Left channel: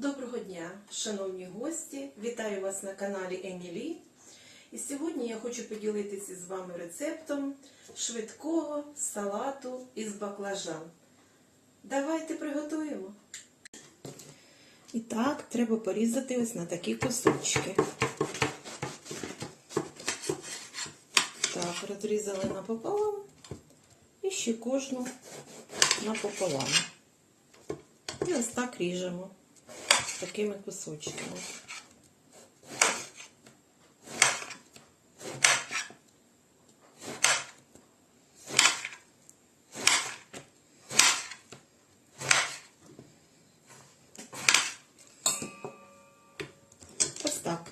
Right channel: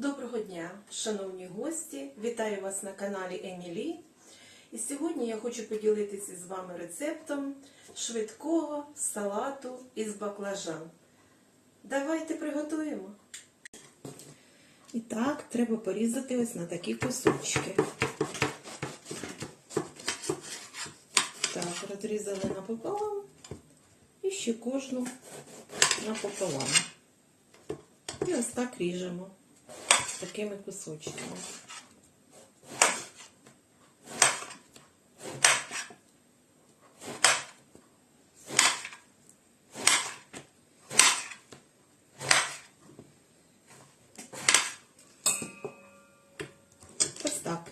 Доброго дня, шановні гості! Вітаю вас на каналі Емілі. І сьогодні я хочу поділитися з вами рецептом швидкого салату із баклажан. Давайте приготуємо. І так, треба порізати ось на такі кусочки. Так, розрізали напополам і ще кожну напополам. І ось так ріжемо такими кусочками. Ось так.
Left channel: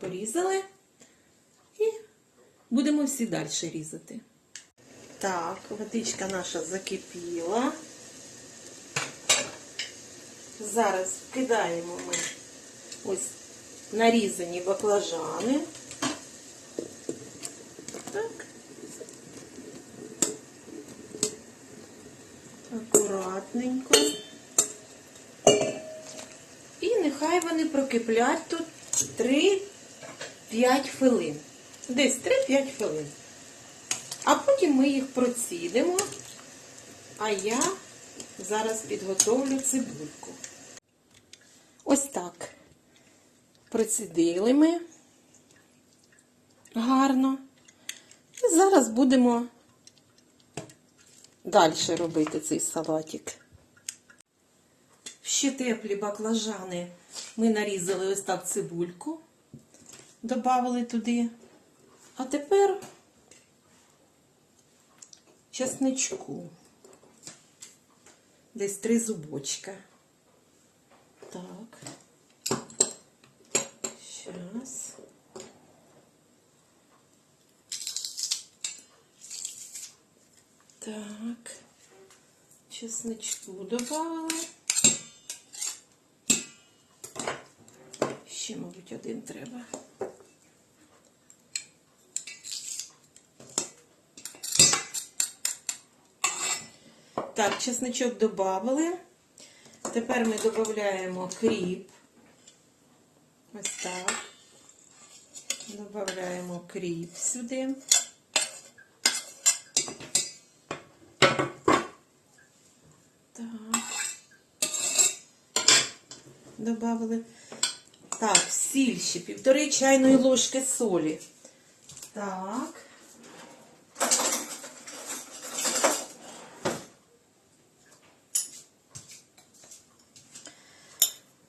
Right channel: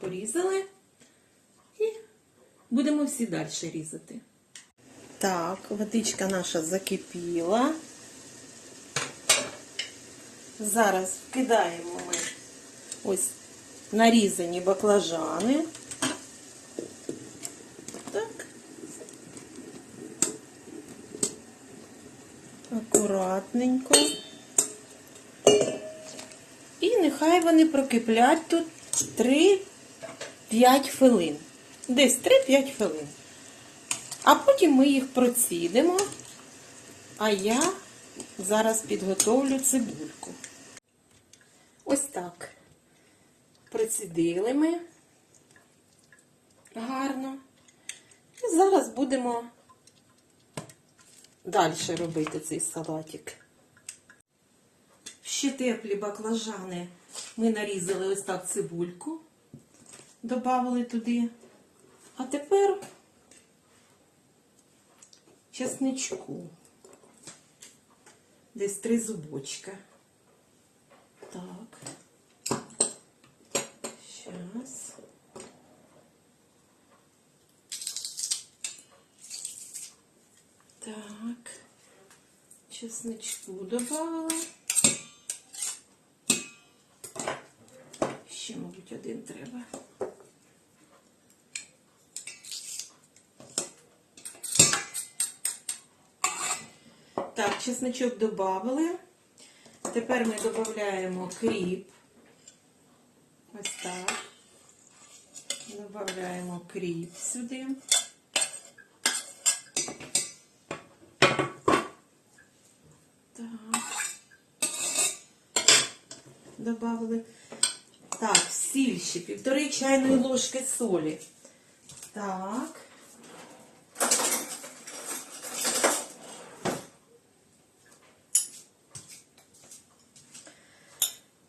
Порізали і будемо всі далі різати. Так, водичка наша закипіла. Зараз вкидаємо ми ось нарізані баклажани. Так. Акуратненько. І нехай вони прокиплять тут 3-5 хвилин. Десь 3-5 хвилин. А потім ми їх процідимо, а я зараз підготовлю цибульку. Ось так. Процідили ми гарно. І зараз будемо далі робити цей салатик. Ще теплі баклажани ми нарізали ось так цибульку, додали туди. А тепер чесничку. Десь три зубочка. Так. Сейчас. Так. Чесничку добавила. Ще, мабуть, один треба. Так, чесничок додали. Тепер ми додаємо кріп. Ось так. Додаємо кріп сюди. Так. Добавили. Так, сіль ще півтори чайної ложки солі. Так.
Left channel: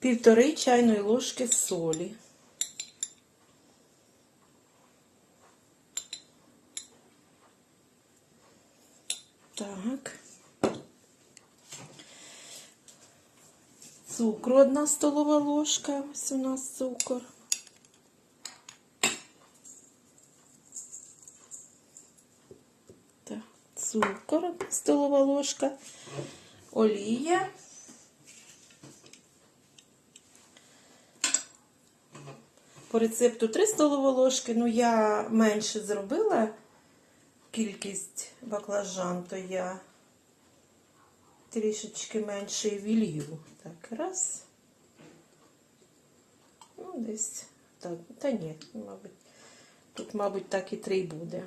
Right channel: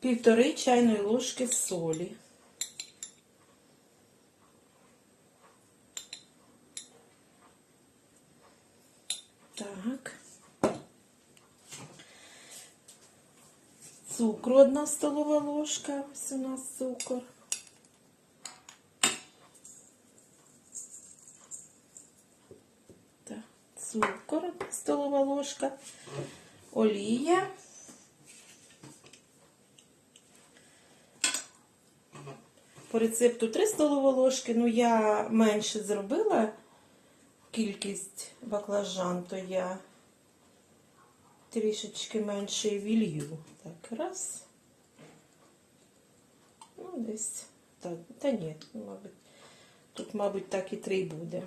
Півтори чайної ложки солі. Так. Цукру одна столова ложка. Ось у нас цукор. Цукор столова ложка. Олія. По рецепту 3 столові ложки, ну я менше зробила кількість баклажан, то я трішечки менше вілью. Так, раз. Ну, десь. Так, та ні, мабуть, тут, мабуть, так і три буде.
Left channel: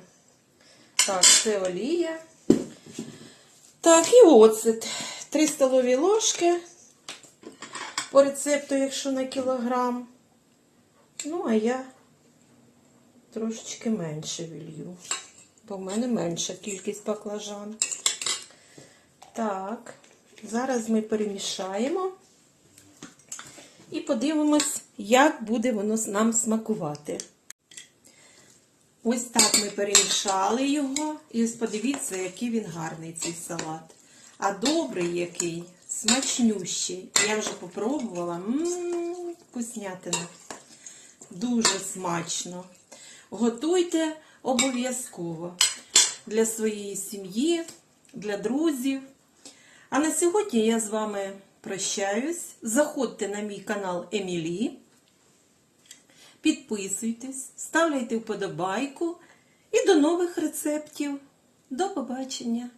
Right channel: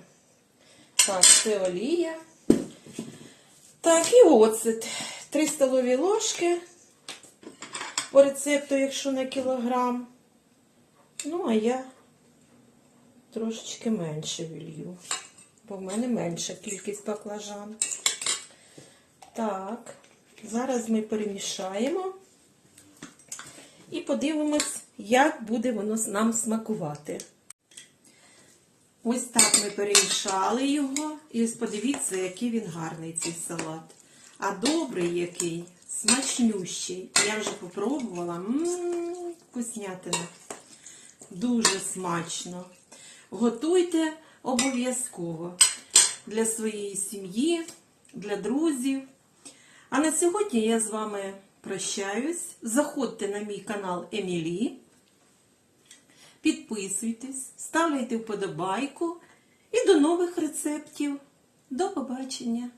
Так, це олія. Так, і оцет. 3 столові ложки. По рецепту, якщо на кілограм. Ну, а я трошечки менше вілью, бо в мене менша кількість баклажан. Так, зараз ми перемішаємо і подивимось, як буде воно нам смакувати. Ось так ми перемішали його, і подивіться, який він гарний цей салат. А добрий який, смачнющий. Я вже попробувала. Ммм, вкуснятина. Дуже смачно. Готуйте обов'язково для своєї сім'ї, для друзів. А на сьогодні я з вами прощаюсь. Заходьте на мій канал Емілі. Підписуйтесь, ставляйте вподобайку і до нових рецептів. До побачення!